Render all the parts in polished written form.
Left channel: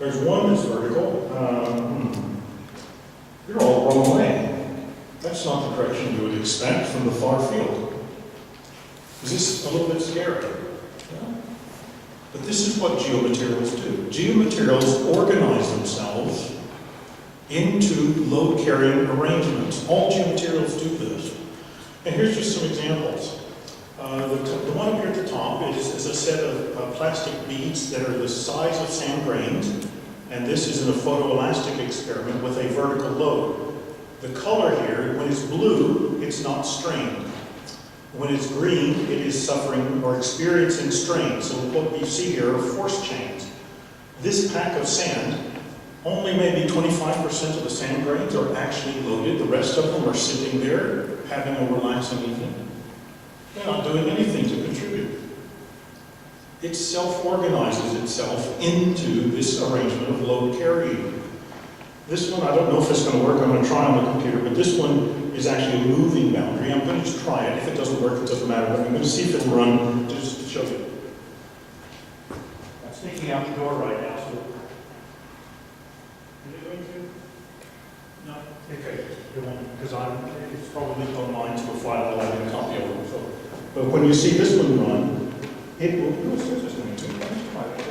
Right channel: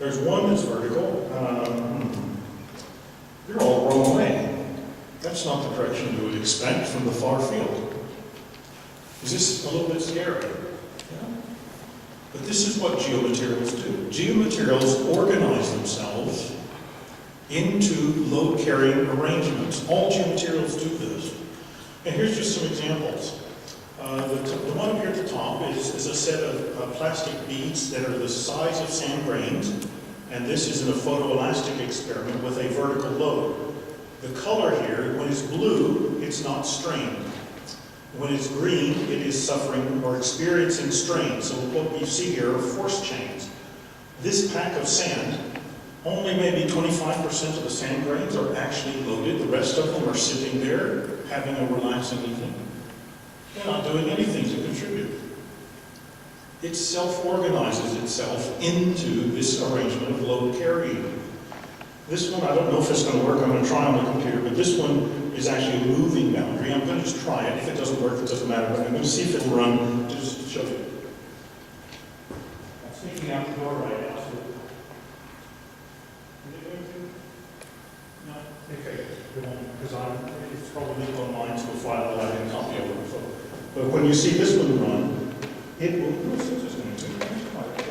There's one that's vertical. You're all the wrong way. That's not the direction you would expect from the far field. Is this a little bit scary? Yeah. But this is what geomaterials do. Geomaterials organize themselves into load-carrying arrangements. All geomaterials do this. And here's just some examples. The one here at the top is a set of plastic beads that are the size of sand grains, and this is in a photoelastic experiment with a vertical load. The color here, when it's blue, it's not strained. When it's green, it is suffering or experiencing strain. So what you see here are force chains. This pack of sand, only maybe 25% of the sand grains are actually loaded. The rest of them are sitting there having a relaxing evening. They're not doing anything to contribute. It self-organizes itself into this arrangement of load carrying. This one, I don't know if it's going to work. I'm going to try on the computer, but this one is actually a moving boundary. I'm going to just try it. If it doesn't work, it doesn't matter, but I'm going to see if it'll run just to show you. I'm sneaking out the door right now, so. Is it going to? No? Okay, it won't, because it's probably online to a file that I didn't copy over. So. But when you see this one run, it will, oh, it says it's going to. Let's try that.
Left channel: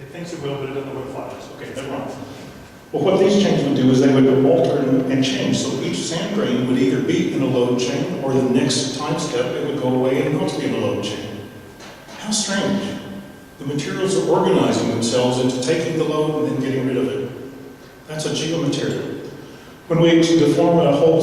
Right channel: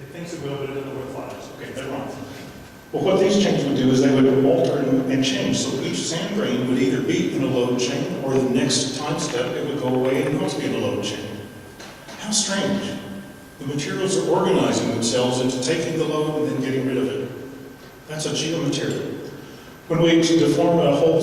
It thinks it will, but it doesn't know where the file is. Okay, they're wrong. Well, what these chains would do is they would alter and change. So each sand grain would either be in a load chain, or the next time step, it would go away and not be in a load chain. How strange. The materials are organizing themselves into taking the load and then getting rid of it. That's a geomaterial. When we deform a whole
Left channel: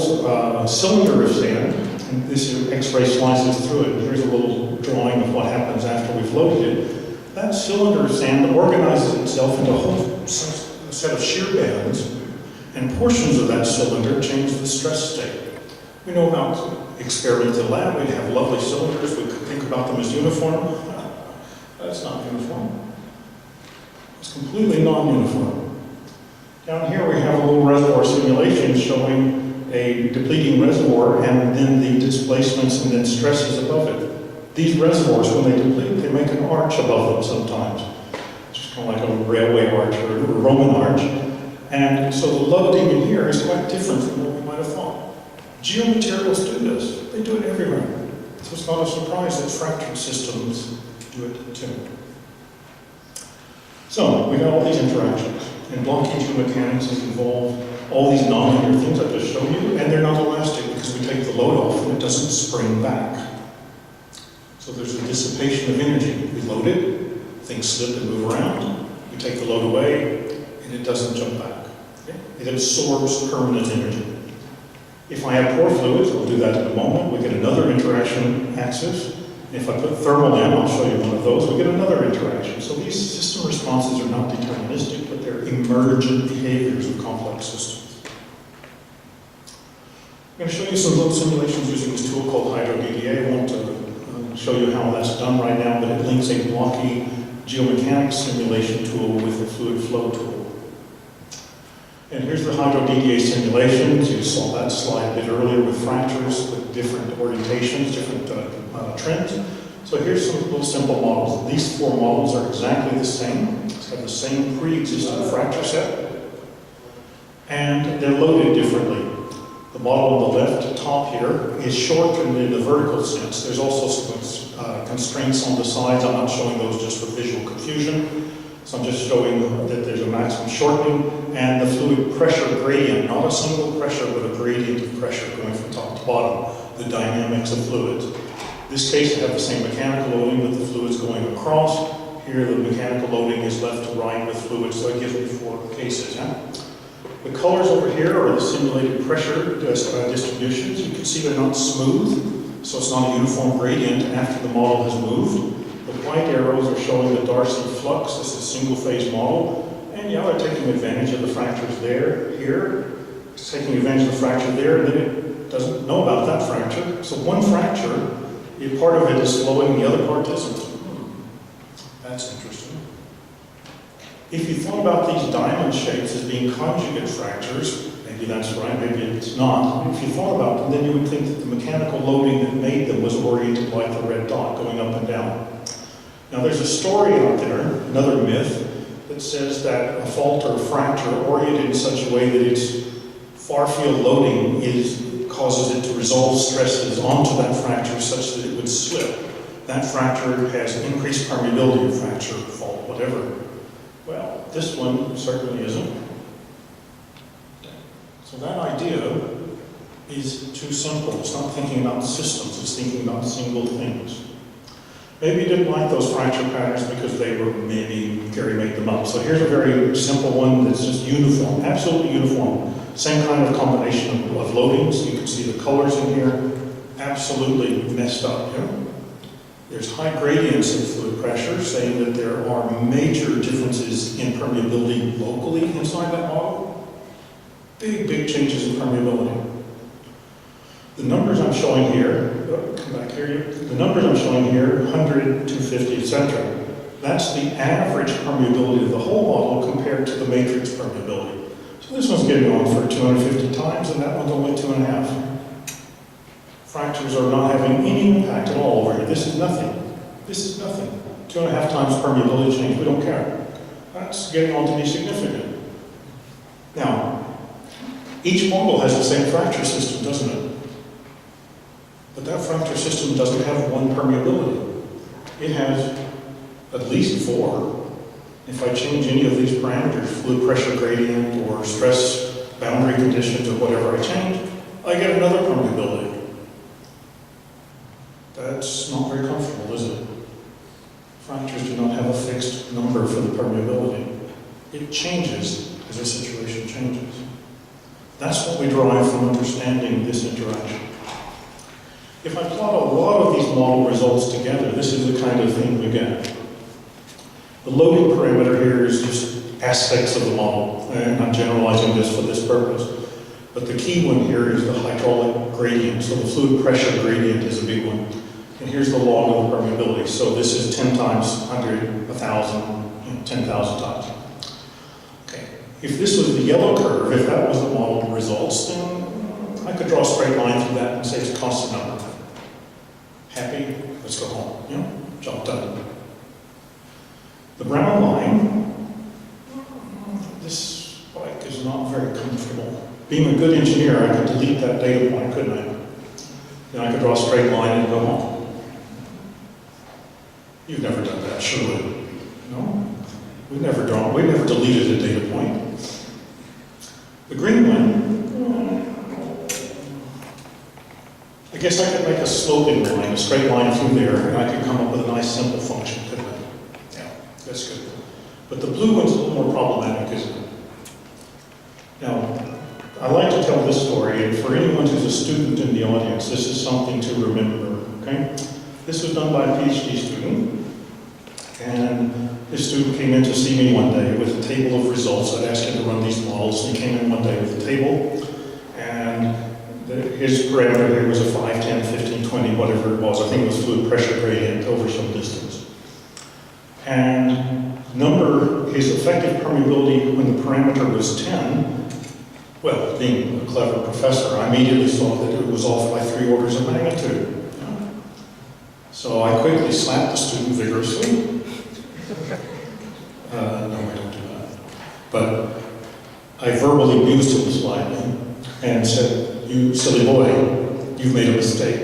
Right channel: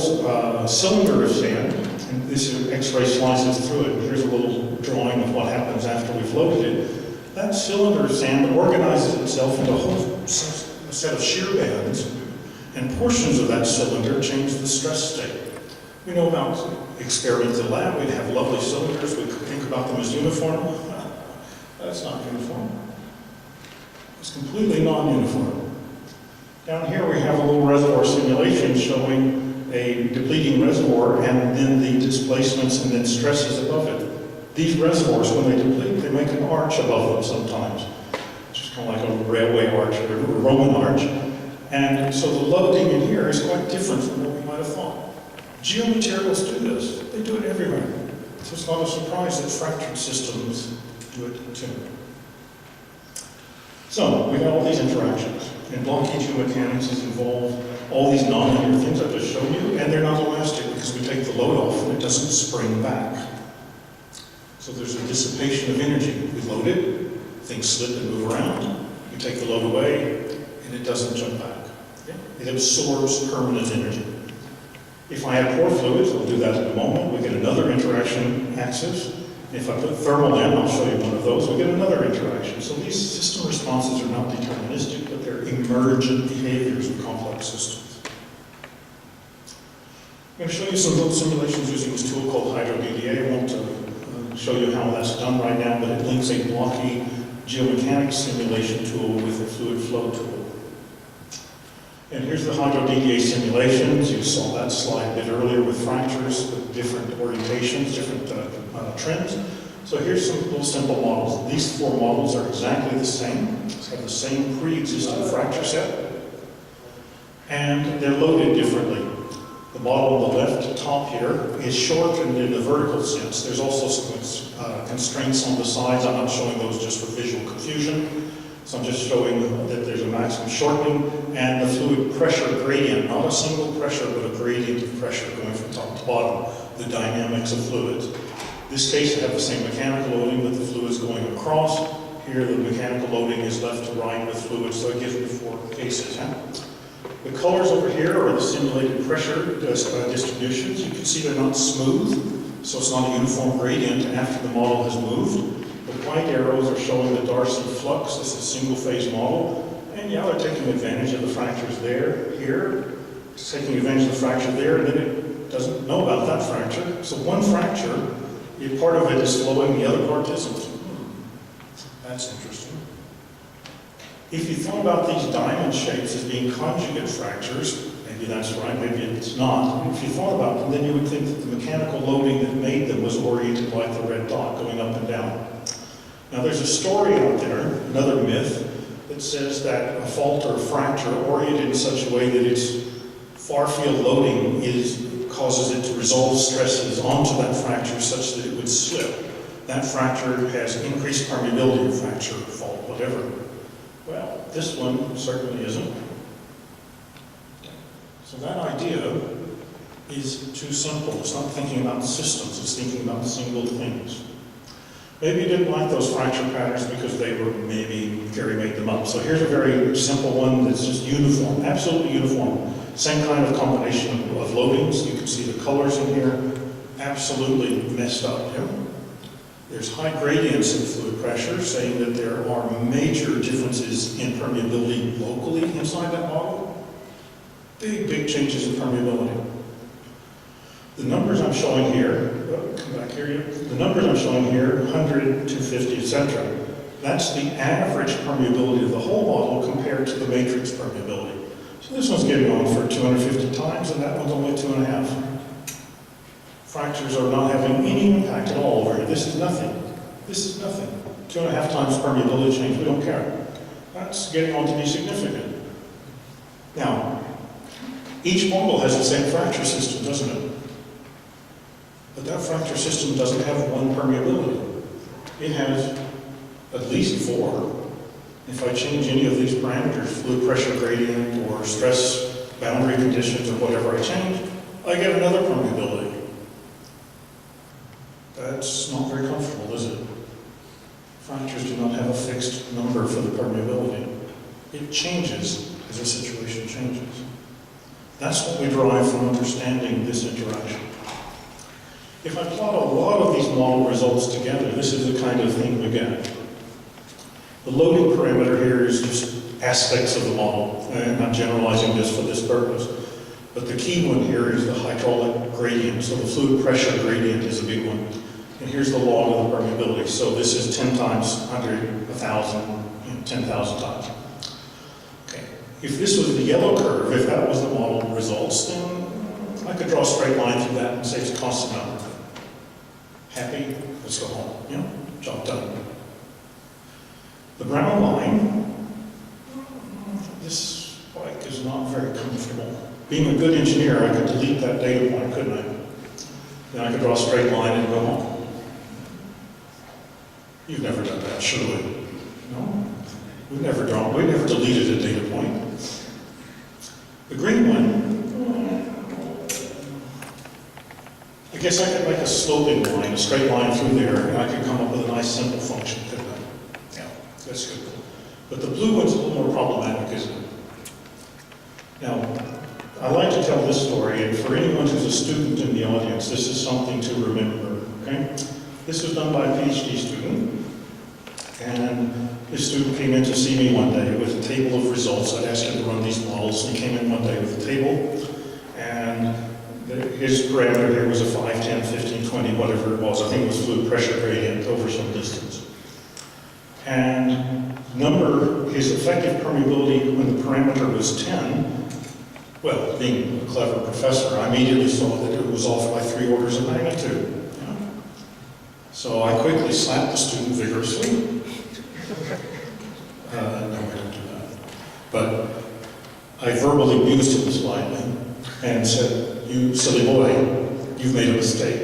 cylinder of sand, and this X-ray slices through it, here's a little drawing of what happens after we've loaded it. That cylinder of sand organizes itself into a whole set of shear bands, and portions of that cylinder change the stress state. We know about experiments in the lab. We'd have lovely cylinders. We could think about them as uniform. That's not uniform. It's completely non-uniform. Down here we have a little reservoir simulation showing a depleting reservoir and then the displacements and then stresses above it. These reservoirs, when they deplete, they make an arch above them sometimes. It's just kind of like a railway arch or a Roman arch. And so the loading in here is quite different from what we might have thought. Geomaterials do this. They do it everywhere. So it's not a surprise that fractured systems do it too. So we've got all these interactions. And blocky geomechanics has involved all these nonlinear things I've just shown you, and they're not elastic because we take the load off and it doesn't spring back. So there's a dissipation of energy. We load it, things slip and move around. We take the load away, and it doesn't jump back. Okay? It absorbs permanent energy. If I have pore fluids, we'll do that in a moment, we get another interaction axis. If I put thermal in, I'll show you one of those, we get another interaction. So these system responses are not deterministic, but they're emergent behaviors of complex systems. I'm going to show you some little simulations using this tool called HydroDDA. I won't show you how that's done right now, but it links a blocky geomechanics simulation tool with a fluid flow tool. And here's the HydroDDA simulations. You saw that slide a bit earlier with fractures with different orientations, different trends. So here's some little simple models. These four models are exactly the same. They have the same pre-existing fracture set, and they're loaded differently. The model on the left top here is shortened in the vertical sense. There's also some constraints on the sides. I'm not showing those just for visual confusion. So I'm just showing that there's a maximum shortening and the fluid pressure gradient, not a single pressure, but a gradient of pressure going from top to bottom, the dynamics of fluids. In this case, you have the same mechanical loading, but the fluid's going across. Here, the mechanical loading is left to right with fluids, so it gives me four cases. The colors over here are the simulated pressure distributions. You can see they're not smooth, so it's not a uniform gradient after the model has moved. The white arrows are showing the Darcy flux. This is a single-phase model. And yeah, they're taking advantage of the fractures there, here. It's taking advantage of the fracture there, and then it doesn't know about that fracture. So one fracture, part of it is flowing, the other part isn't. That's interesting. If you thought about these diamond shapes as being conjugate fractures, and Maybe that's right, maybe it's not. If you thought about them, then you would think that the mechanical loading that made them was oriented like the red dot, going up and down. Now there's a story out there, another myth, that says that a fault or a fracture oriented in such a way that its far-field loading causes it to resolve stresses onto that fracture such that it would slip. That fracture has increased permeability, fracture, fault, whatever. Well, this one certainly isn't. So that idea is too simple. It's not thinking about systems, it's thinking about single things. Maybe you didn't like those fracture patterns because maybe Gary made them up. So here's a very simple one that's just uniform, absolutely uniform. Same kind of combination of loadings. You can see the colors in here, absolutely messed up. Yeah? There's high gradients in fluid pressure, saying that there are major differences in permeability locally inside that model. Big, big changes in permeability. The numbers I'm showing here, come back here, the numbers I'm showing here, 100, 250, etc. That's the average permeability of the whole model compared to the matrix permeability. So this one's getting on for 250 times, and that one's only 2.5. Fractures are not having any impact at all over here. This is nothing. This is nothing. 2.5 times permeability change, we don't care. That's getting on to be significant. Now, each model has the same fracture system, doesn't it? But that fracture system doesn't have one permeability. It has at least 4. If I change any of these parameters, fluid pressure gradient or stress boundary conditions or whatever I change, I get another permeability. That's not very comfortable, is it? Fractures do not have a fixed number for the permeability. It changes as the situation changes. That's what we derive from understanding this interaction. If I plot a lot of these model results together, this is the kind of thing we get. The loading parameter here is just aspects of the model, and I'm generalizing this for this purpose. But the key one here is the hydraulic gradient. So the fluid pressure gradient is a big one. And here's the log of the permeability. So this is 10 times 100, 1,000, 10,000 times. If this was the yellow curve, if that was the model results, then I could draw a straight line through that and say it's constant number. Happy? Let's go home. Yeah? Job done. The brown line, this bike is not very comfortable. Being a good engineer, I could delete that data point, couldn't I? Then I could draw a straight line and go home. You've never done that, surely? No? We've never deleted a data point. The green one, I guess I could make a sloping line, a straight line through there, and I could come up with a nice simple function, couldn't I? Yeah, that's good. But the blue one's a little more problematic, isn't it? Now, I like to tell this story, and for anyone who's a student in the audience, this is something to remember, okay? This was done by a PhD student, and this student came in to see me one day with a table of results. I'd asked him to run these models. He came in one day with a table, and his parameter here was a 5, 10, 15, 20, whatever it was. I think it was fluid pressure gradient over some distance. And his effective permeability when the parameter was 10, well, being a clever professor, I immediately saw that it was off by 3 orders of magnitude. Yeah? So I quickly slapped the student vigorously. No, I don't do that. But I verbally abused him slightly and said, "You silly boy, you've made a mistake.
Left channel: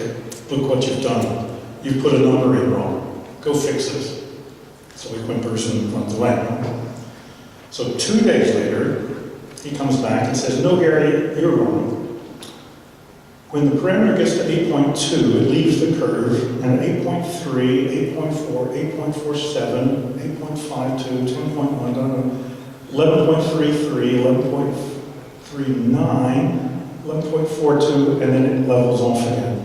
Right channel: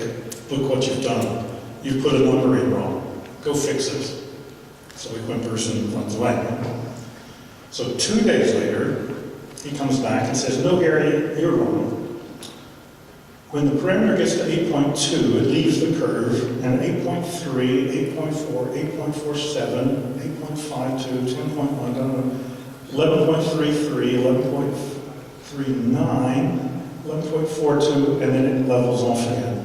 Look what you've done. You've put a number in wrong. Go fix it." So he whimpers and runs away. So 2 days later, he comes back and says, "No, Gary, you're wrong. When the parameter gets to 8.2, it leaves the curve, and 8.3, 8.4, 8.47, 8.52, 10.1, 11.33, 11.39, 11.42, and then it levels off again.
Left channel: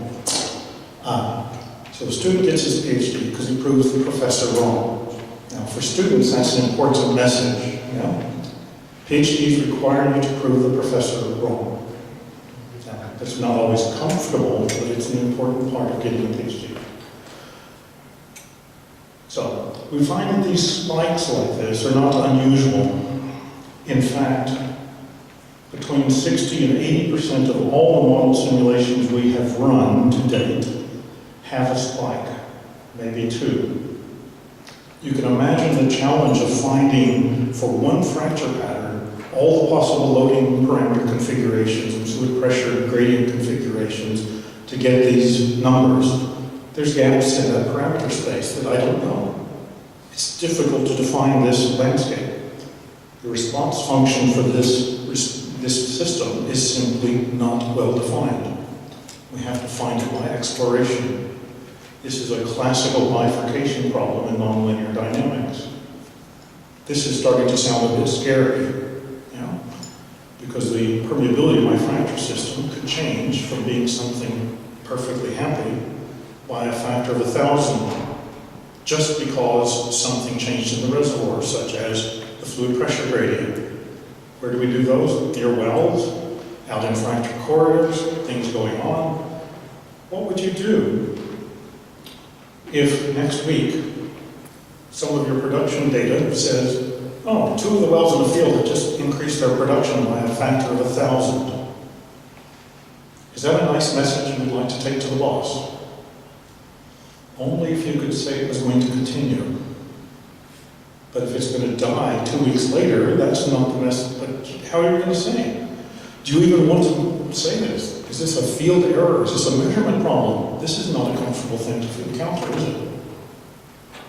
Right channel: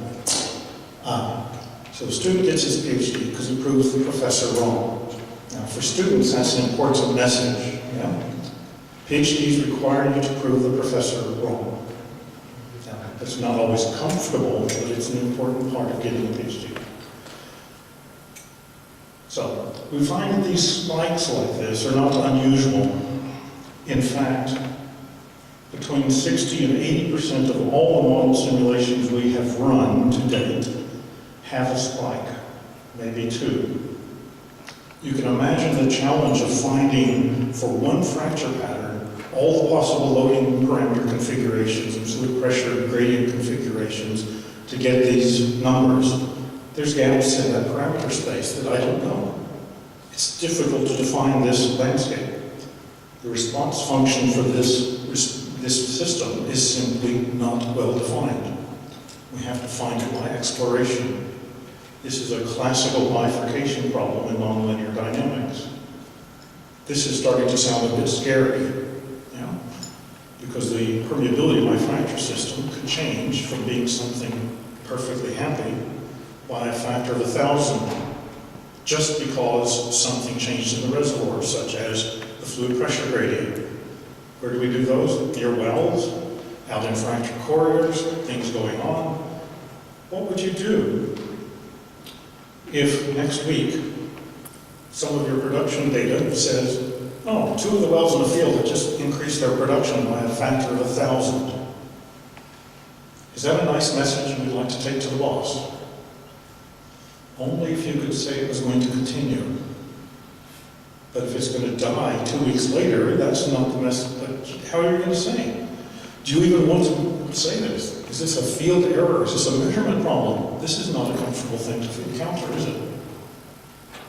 So the student gets his PhD because he proves the professor wrong. Now, for students, that's an important message. Yeah? PhDs require you to prove the professor wrong. That's not always comfortable, but it's an important part of getting a PhD. So, we find that these spikes like this are not unusual. In fact, between 60 and 80% of all the model simulations we have run to date have a spike, maybe two. You can imagine the challenge of finding, for one fracture pattern, all the possible loading parameter configurations and fluid pressure gradient configurations to get these numbers. There's gaps in that parameter space that I don't know. It's difficult to define this landscape. The response function for this system is simply not well defined. We have to find it by exploration. This is a classical bifurcation problem in nonlinear dynamics. This is starting to sound a bit scary, because the permeability of my fracture system could change from being something perfectly happy by a factor of 1,000, just because something changed in the reservoir, such as the fluid pressure gradient. Where do we do those? Near wells, out in fracture corridors, things going on. What would you do if next week some of your production data says, oh, 2 of the wells in the field have just increased their production by a factor of 1,000? Is that a nice message you'd like to take to the boss? Only if you could say it was going to continue. But if it's going to die 2 weeks later, that's not the message. But how are you going to say it? Do you even want to say this? Is this a field error? Is this a measurement problem? This is not a comfortable thing to encounter, is it?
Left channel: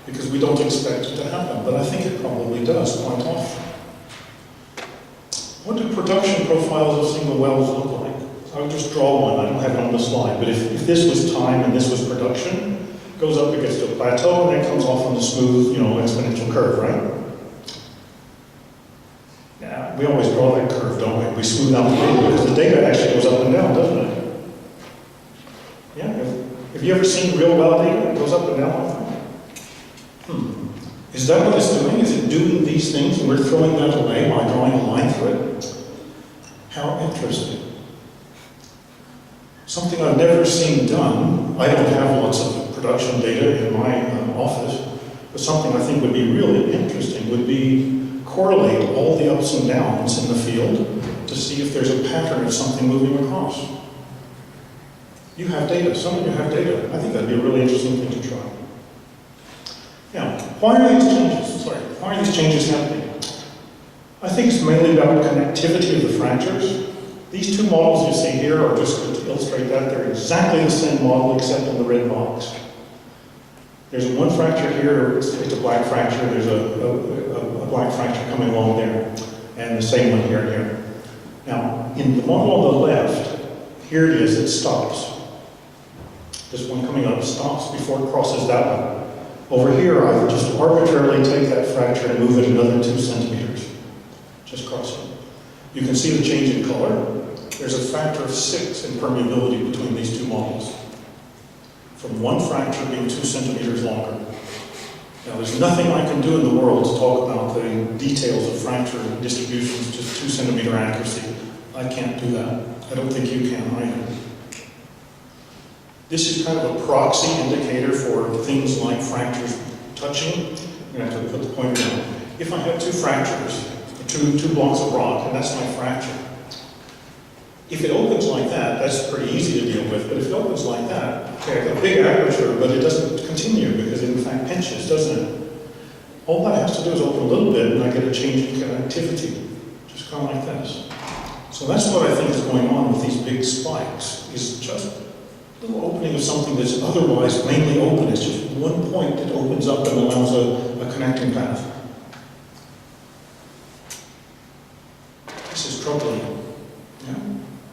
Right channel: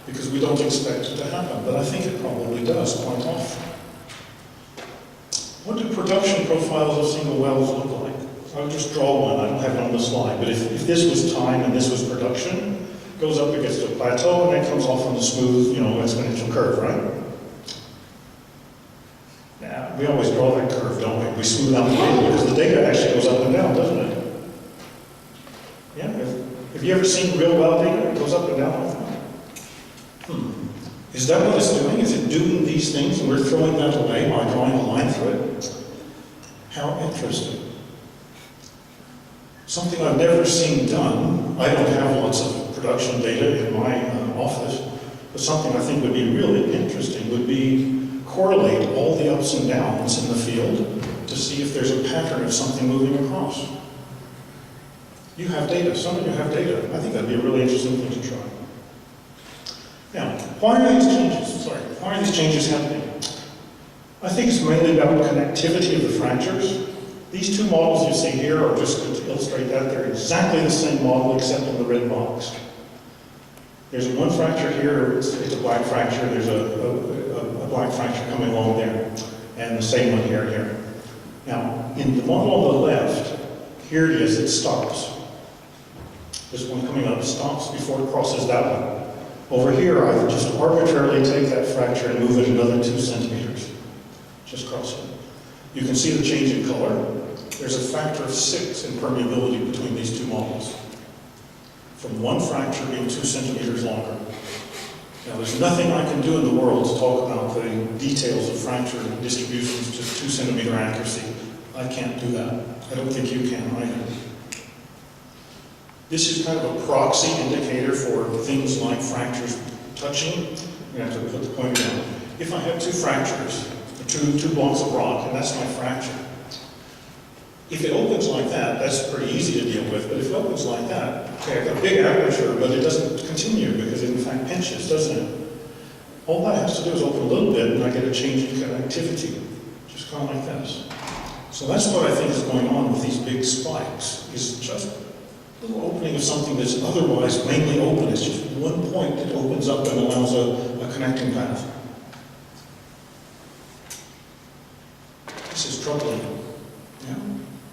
Because we don't expect it to happen, but I think it probably does quite often. What do production profiles of single wells look like? I'll just draw one. I don't have it on the slide, but if this was time and this was production, it goes up, it gets to a plateau, and then comes off on the smooth, exponential curve, right? Yeah, we always draw that curve, don't we? We smooth out the data because the data actually goes up and down, doesn't it? Yeah. Have you ever seen real well data? It goes up and down like that. Is that what it's doing? Is it doing these things and we're throwing that away by drawing a line through it? How interesting. Something I've never seen done. I don't have lots of production data in my office, but something I think would be really interesting would be correlate all the ups and downs in the field to see if there's a pattern of something moving across. You have data. Some of you have data. I think that'd be a really interesting thing to try. Now, why are these changes? Why are these changes happening? I think it's mainly about connectivity of the fractures. These two models you see here are just to illustrate that. They're exactly the same model except in the red box. There's one fracture here, it's a black fracture, there's a black fracture coming along there, and the same one here and here. Now, in the model on the left, here it is, it stops. This one coming up stops before it crosses that one. Over here, I would just arbitrarily take that fracture and move it another 2 centimeters. Just cross it. You can see the change in color. There's a factor of 6 in permeability between these two models, from one fracture being 2 centimeters longer. Now, there's nothing I can do in the world to talk about the details of fracture distributions to 2 centimeter accuracy. I can't do that. I don't think you can either. This is kind of a proxy indicator for things like fractures touching. I'm going to have to put the pointer down. If I have 2 fractures, two blocks of rock, and that's my fracture. If it opens like that, that's pretty easy to deal with, but if it opens like that, okay, I've got a big aperture, but it doesn't continue because it in fact pinches, doesn't it? All that has to do is open a little bit and I get a change in connectivity, just kind of like this. So that's what I think is going on with these big spikes, is just a little opening of something that's otherwise mainly open. It's just one point that opens up and allows a connecting path. This is troubling. Yeah?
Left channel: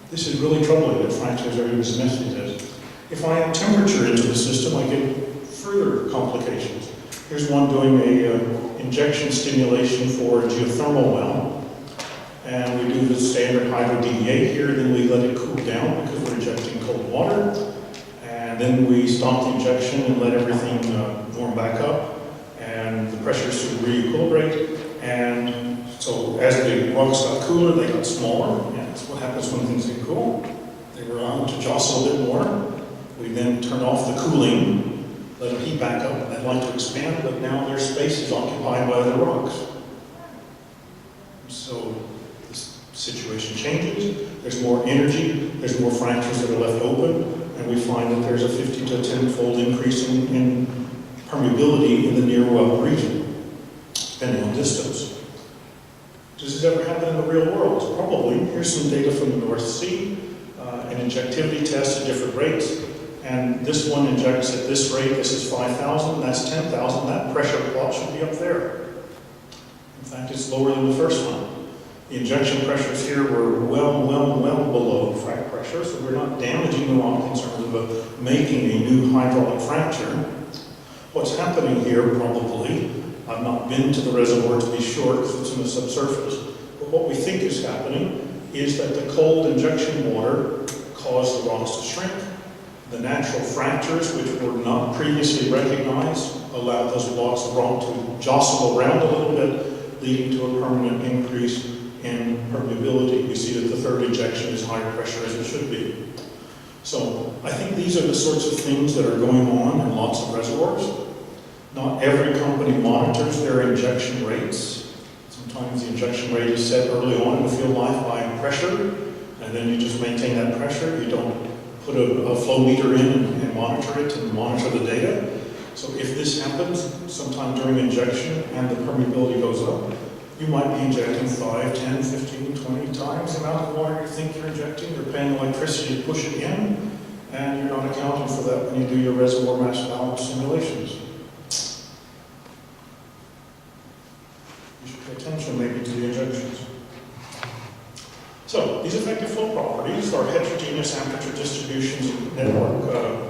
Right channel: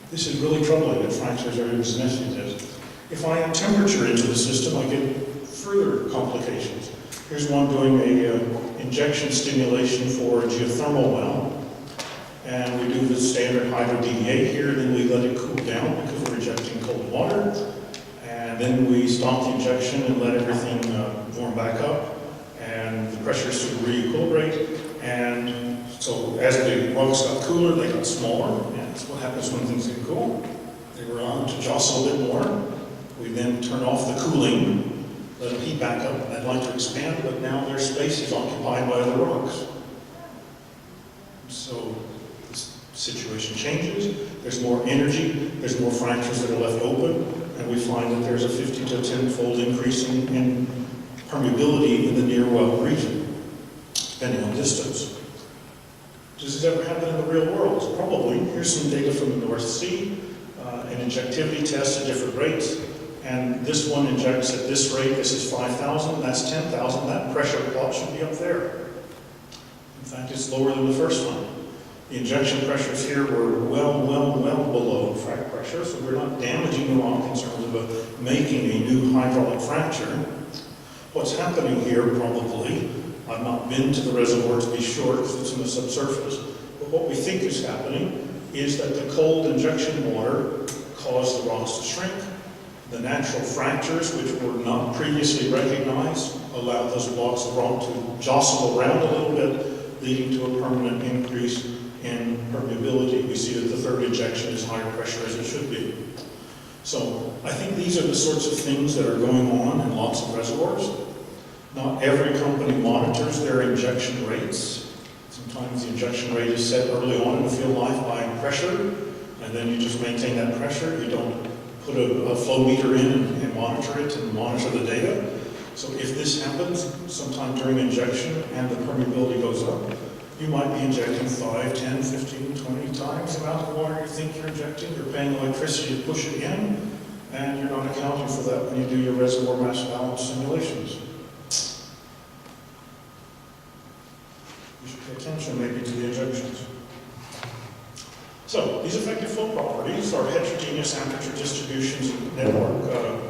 This is really troubling that fractures are as messy as. If I add temperature into the system, I get further complications. Here's one doing a injection stimulation for a geothermal well. And we do the standard hydro DDA here, then we let it cool down because we're injecting cold water. And then we stop the injection and let everything warm back up. And the pressures sort of re-equilibrate. And so as the rocks got cooler, they got smaller. And that's what happens when things get cool. They were on to jostle a bit more. We then turn off the cooling, let them heat back up, and they'd like to expand, but now their space is occupied by other rocks. So this situation changes, there's more energy, there's more fractures that are left open, and we find that there's a 50 to 10-fold increase in permeability in the near well region, depending on distance. Does this ever happen in the real world? Probably. Here's some data from the North Sea, an injectivity test at different rates, and this one injects at this rate. This is 5,000, that's 10,000. That pressure plot should be up there. In fact, it's lower than the first one. The injection pressures here were well below frac pressure, so we're not damaging the rock in terms of making a new hydraulic fracture. What's happening here, probably, I've not been to the reservoir to be sure because it's in the subsurface, but what we think is happening is that the cold injection water caused the rocks to shrink. The natural fractures, which were not previously recognized, allowed those blocks of rock to jostle around a little bit, leading to a permanent increase in permeability. We see that the third injection is higher pressure as it should be. So I think these are the sorts of things that are going on in lots of reservoirs. Not every company monitors their injection rates. Sometimes the injection rate is set early on in the field life by pressure, and then you just maintain that pressure. You don't put a flow meter in and monitor it and monitor the data. So if this happens sometime during injection and the permeability goes up, you might be injecting 5, 10, 15, 20 times the amount of water you think you're injecting. You're paying electricity to push it in, and you're not accounting for that when you do your reservoir mass balance simulations. You should pay attention maybe to the injections. So these effective flow properties are heterogeneous aperture distributions and network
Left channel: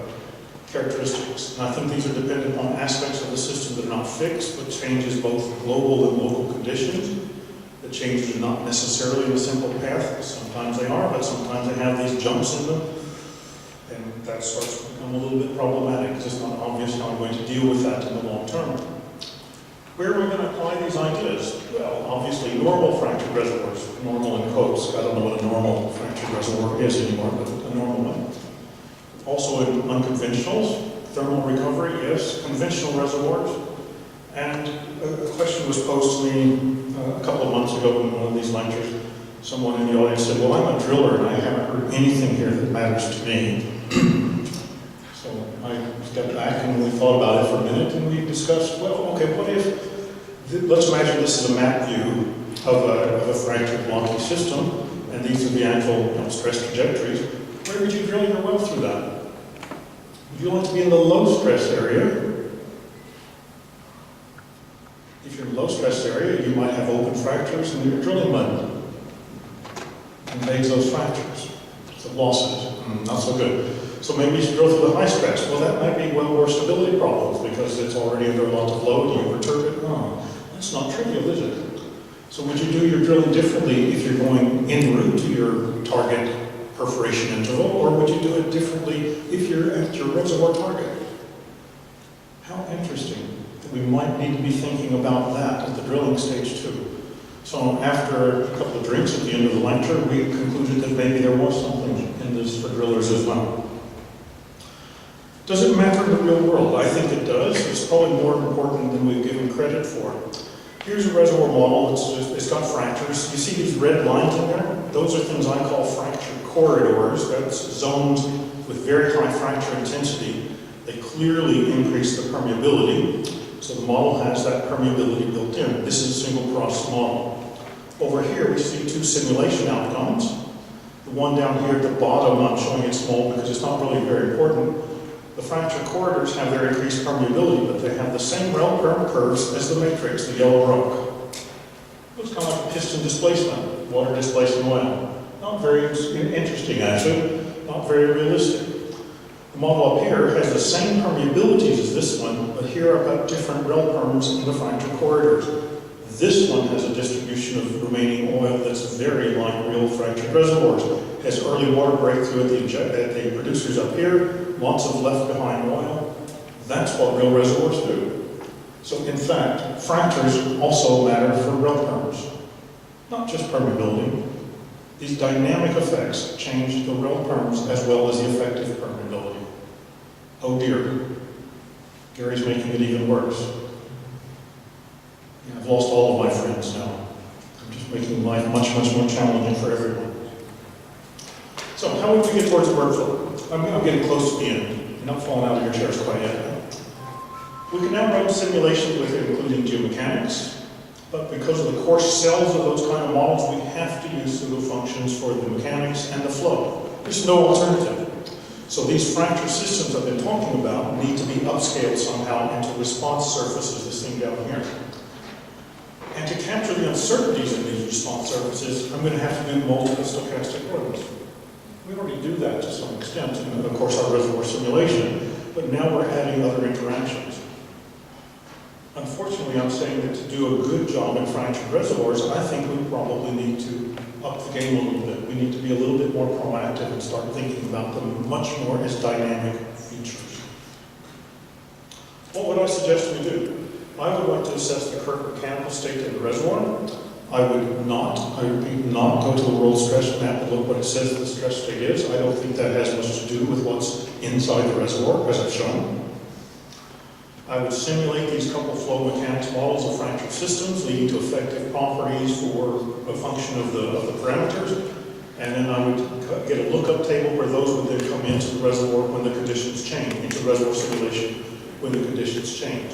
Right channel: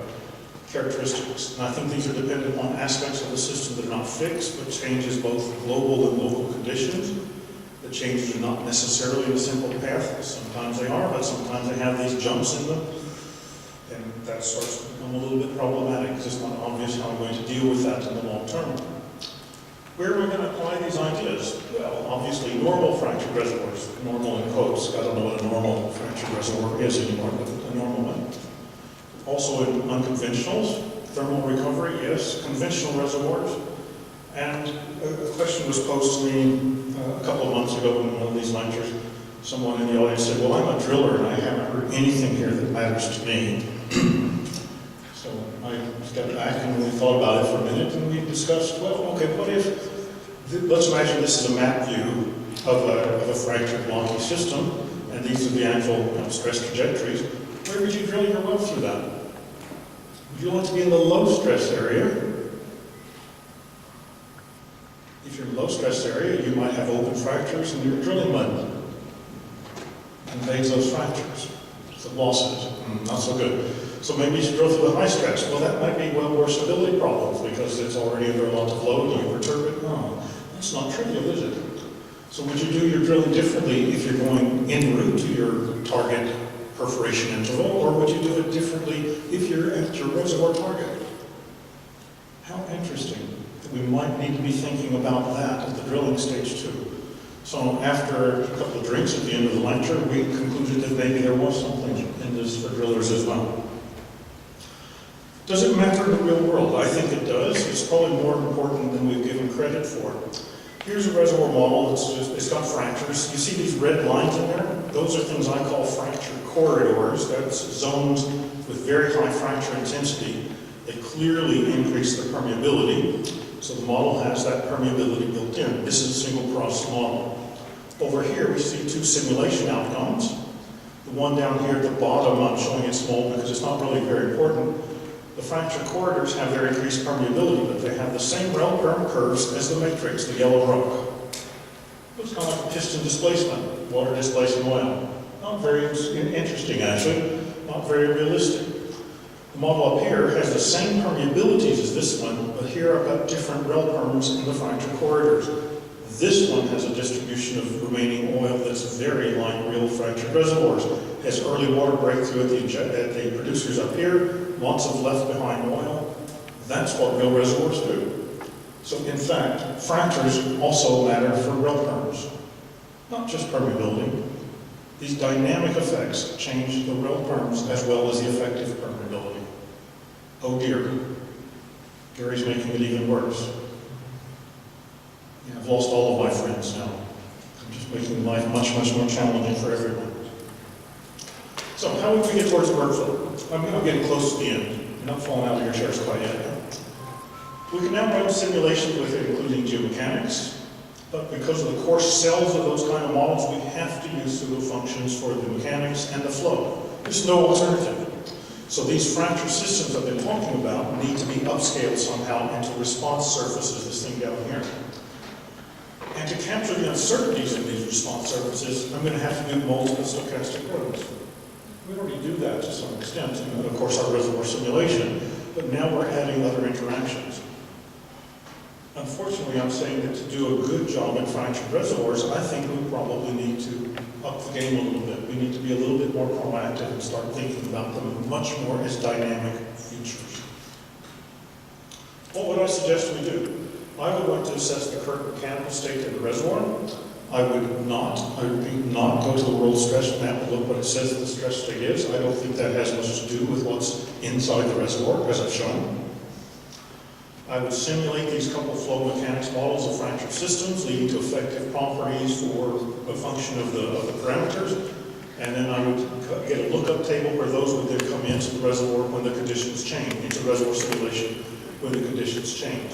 characteristics. And I think these are dependent on aspects of the system that are not fixed, but changes both global and local conditions. The changes are not necessarily in a simple path. Sometimes they are, but sometimes they have these jumps in them. And that starts to become a little bit problematic because it's not obvious how I'm going to deal with that in the long term. Where are we going to apply these ideas? Well, obviously normal fractured reservoirs, normal in quotes. I don't know what a normal fractured reservoir is anymore, but a normal one. Also in unconventionals, thermal recovery, yes, conventional reservoirs. And a question was posed to me a couple of months ago in one of these lectures. Someone in the audience said, well, I'm a driller and I haven't heard anything here that matters to me. So I stepped back and we thought about it for a minute and we discussed, well, okay, what if, let's imagine this is a map view of a fractured blocky system, and these are the actual stress trajectories. Where would you drill your well through that? Would you like to be in the low stress area? If you're in low stress area, you might have open fractures and your drilling mud invades those fractures. So losses, not so good. So maybe you should drill through the high stress. Well, that might be more stability problems because it's already under a lot of load and you perturb it. No, that's not trivial, is it? So would you do your drilling differently if you're going en route to your target perforation interval, or would you do it differently if you're at your reservoir target? How interesting that we might need to be thinking about that at the drilling stage too. So after a couple of drinks at the end of the lecture, we concluded that maybe there was something in this for drillers as well. Does it matter in the real world? I think it does. It's probably more important than we've given credit for. Here's a reservoir model. It's got fractures. You see these red lines in there? Those are things I call fracture corridors. That's zones with very high fracture intensity. They clearly increase the permeability. So the model has that permeability built in. This is a single cross model. Over here we see two simulation outcomes. The one down here at the bottom, I'm showing it small because it's not really very important. The fracture corridors have their increased permeability, but they have the same rel-perm curves as the matrix, the yellow rock. Looks kind of like a piston displacement, water displacing oil. Not very interesting, actually. Not very realistic. The model up here has the same permeabilities as this one, but here I've got different rel-perms in the fracture corridors. This one has a distribution of remaining oil that's very like real fractured reservoirs. It has early water breakthrough at the producers up here, lots of left behind oil. That's what real reservoirs do. So in fact, fractures also matter for rel-perms, not just permeability. These dynamic effects change the rel-perms as well as the effective permeability. Oh dear, Gary's making it even worse. Yeah, I've lost all of my friends now. I'm just making life much, much more challenging for everyone. So how would we get towards workflow? I'm getting close to the end. You're not falling out of your chairs quite yet. We can now run simulations with it, including geomechanics, but because of the coarse cells of those kind of models, we have to use pseudo functions for the mechanics and the flow. There's no alternative. So these fracture systems I've been talking about need to be upscaled somehow into response surfaces, this thing down here. And to capture the uncertainties in these response surfaces, I'm going to have to do multiple stochastic runs. We already do that to some extent in, of course, our reservoir simulation, but now we're adding other interactions. Unfortunately, I'm saying that to do a good job in fractured reservoirs, I think we probably need to up the game a little bit. We need to be a little bit more proactive and start thinking about them much more as dynamic features. What would I suggest we do? I would like to assess the current mechanical state of the reservoir. I repeat, not go to the world stress map and look what it says the stress state is. I don't think that has much to do with what's inside the reservoir, as I've shown. I would simulate these couple flow mechanics models of fractured systems, leading to effective properties for a function of the parameters, and then I would get a lookup table where those would then come into the reservoir when the conditions change, into the reservoir simulation when the conditions change.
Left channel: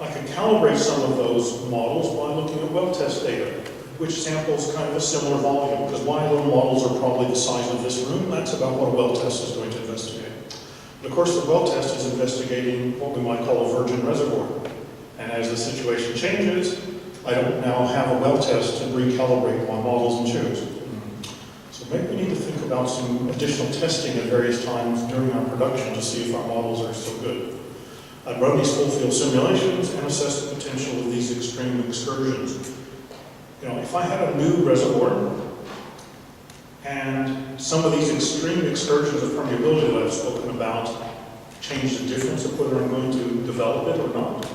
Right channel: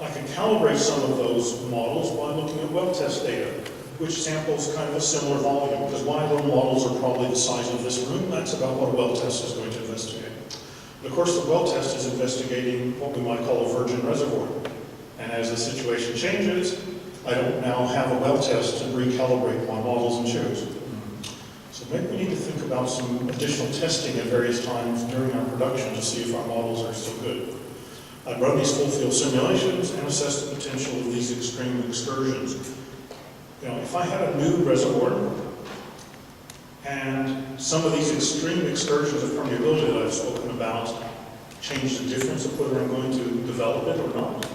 I can calibrate some of those models by looking at well test data, which samples kind of a similar volume, because my little models are probably the size of this room. That's about what a well test is going to investigate. But of course, the well test is investigating what we might call a virgin reservoir. And as the situation changes, I don't now have a well test to recalibrate my models and choose. So maybe we need to think about some additional testing at various times during our production to see if our models are still good. I'd run these full field simulations and assess the potential of these extreme excursions. You know, if I had a new reservoir, and some of these extreme excursions of permeability that I've spoken about change the difference of whether I'm going to develop it or not,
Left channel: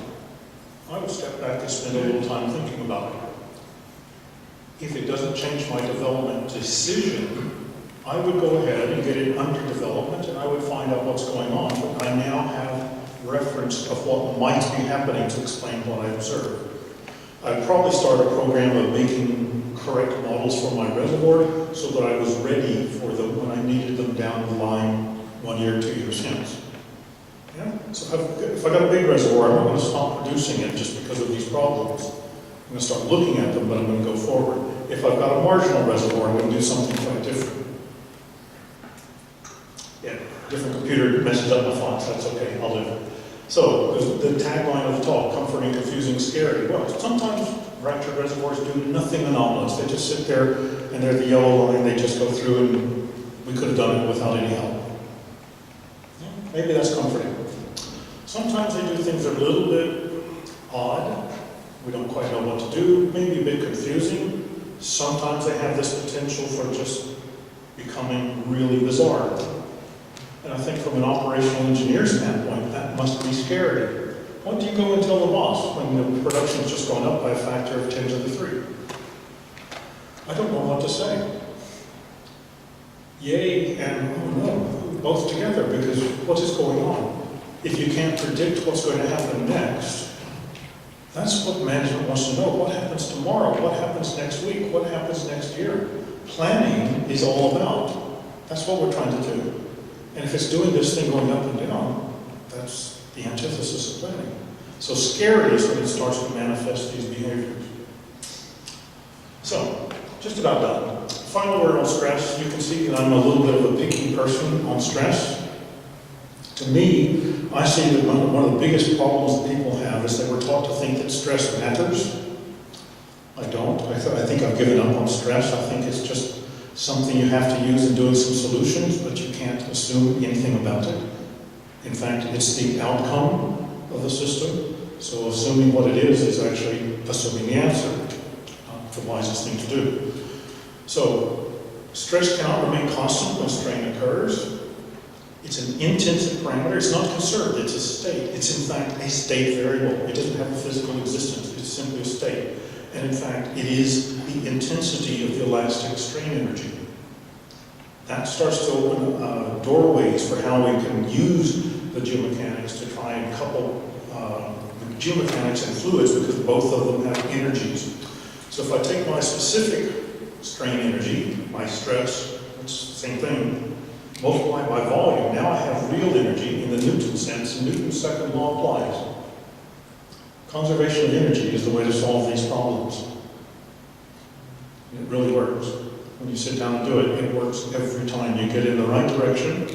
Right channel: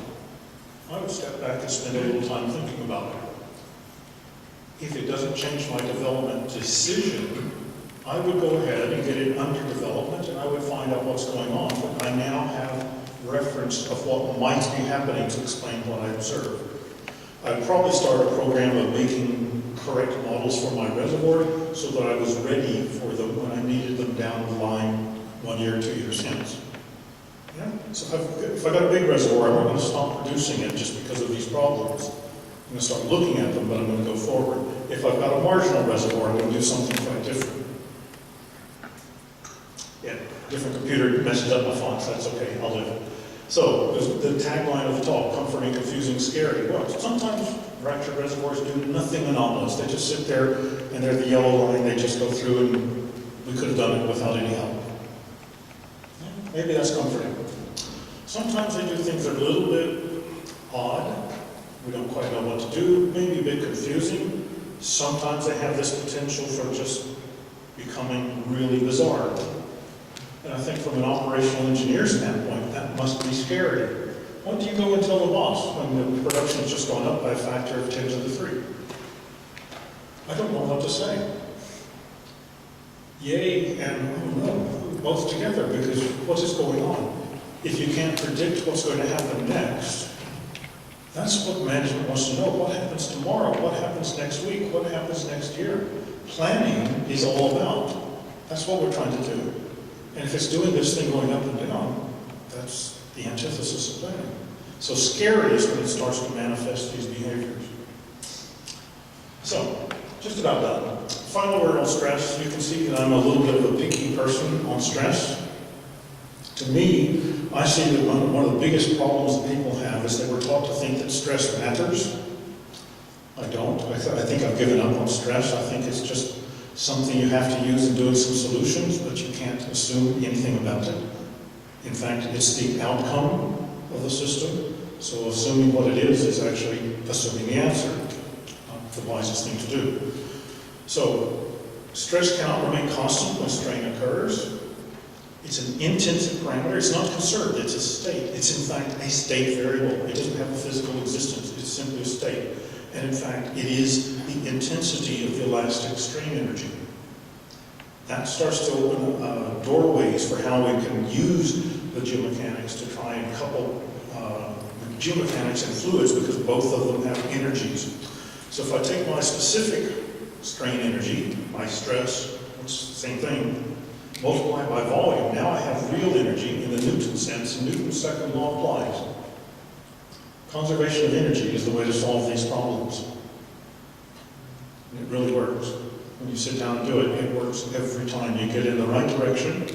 I would step back and spend a little time thinking about it. If it doesn't change my development decision, I would go ahead and get it under development and I would find out what's going on, but I now have reference of what might be happening to explain what I observe. I'd probably start a program of making correct models for my reservoir so that I was ready for them when I needed them down the line 1 year, 2 years hence. Yeah? So if I got a big reservoir, I'm not going to stop producing it just because of these problems. I'm going to start looking at them, but I'm going to go forward. If I've got a marginal reservoir, I'm going to do something quite different. Yeah, different computer messes up my fonts, that's okay, I'll live. So, the tagline of the talk, comforting, confusing, scary. Well, sometimes fractured reservoirs do nothing anomalous. They just sit there and they're the yellow line, they just go through and we could have done it without any help. Yeah, maybe that's comforting. Sometimes they do things that are a little bit odd. We don't quite know what to do, maybe a bit confusing. Sometimes they have this potential for just becoming really bizarre. And I think from an operational engineer standpoint, that must be scary. What do you go and tell the boss when the production's just gone up by a factor of 10 to the 3? I don't know what to say. Yay and oh no, both together, because what is going on? If you can't predict what's going to happen next, that's what management wants to know. What happens tomorrow? What happens next week? What happens next year? Planning is all about. That's what we're trying to do. And if it's doing this thing going up and down, that's the antithesis of planning. So scary is when it starts to manifest these behaviors. So, just about done. Final word on stress. You can see that I'm a little bit of a picky person on stress. To me, I see that one of the biggest problems that people have is that we're taught to think that stress matters. I don't. I think I've given up on stress. I think it's just something you have to use in doing some solutions, but you can't assume anything about it. In fact, it's the outcome of the system. So assuming what it is actually assuming the answer, not the wisest thing to do. So stress cannot remain constant when strain occurs. It's an intensive parameter. It's not conserved. It's a state. It's in fact a state variable. It doesn't have a physical existence. It's simply a state. And in fact, it is the intensity of the elastic strain energy. That starts to open doorways for how we can use the geomechanics to try and couple geomechanics and fluids, because both of them have energies. So if I take my specific strain energy, my stress, it's the same thing, multiply by volume, now I have real energy in the Newton sense, and Newton's second law applies. Conservation of energy is the way to solve these problems. It really works. When you sit down and do it, it works every time. You get in the right direction,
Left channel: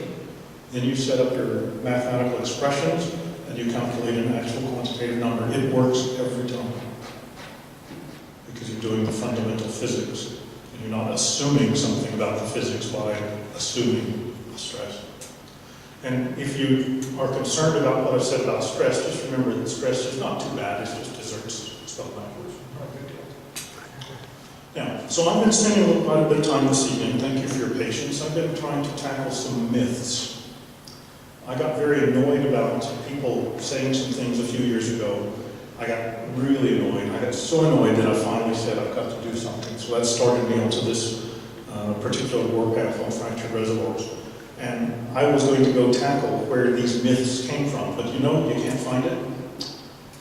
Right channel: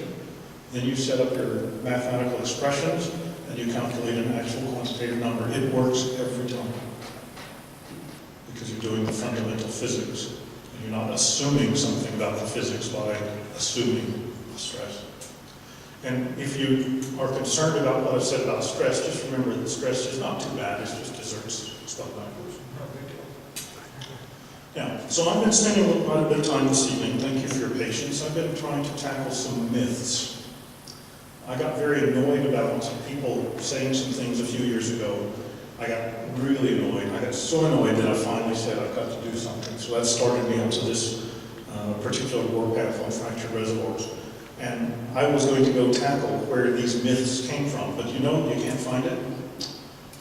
then you set up your mathematical expressions, and you calculate an actual quantitative number. It works every time. Because you're doing the fundamental physics, and you're not assuming something about the physics by assuming a stress. And if you are concerned about what I've said about stress, just remember that stress is not too bad, it's just desserts spelled backwards. Now, so I've been spending quite a bit of time this evening, thank you for your patience. I've been trying to tackle some myths. I got very annoyed about people saying some things a few years ago. I got really annoyed. I got so annoyed that I finally said I've got to do something. So that started me onto this particular work path on fractured reservoirs. And I was going to go tackle where these myths came from, but you know, you can't find it.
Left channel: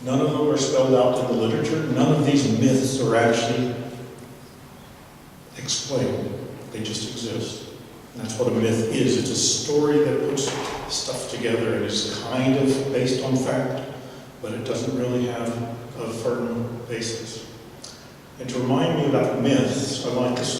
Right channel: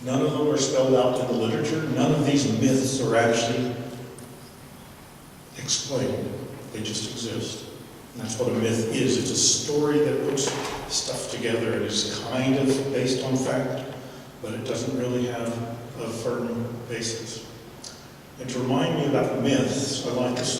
None of them are spelled out in the literature. None of these myths are actually explained. They just exist. And that's what a myth is. It's a story that puts stuff together and is kind of based on fact, but it doesn't really have a firm basis. And to remind me about myths, I like this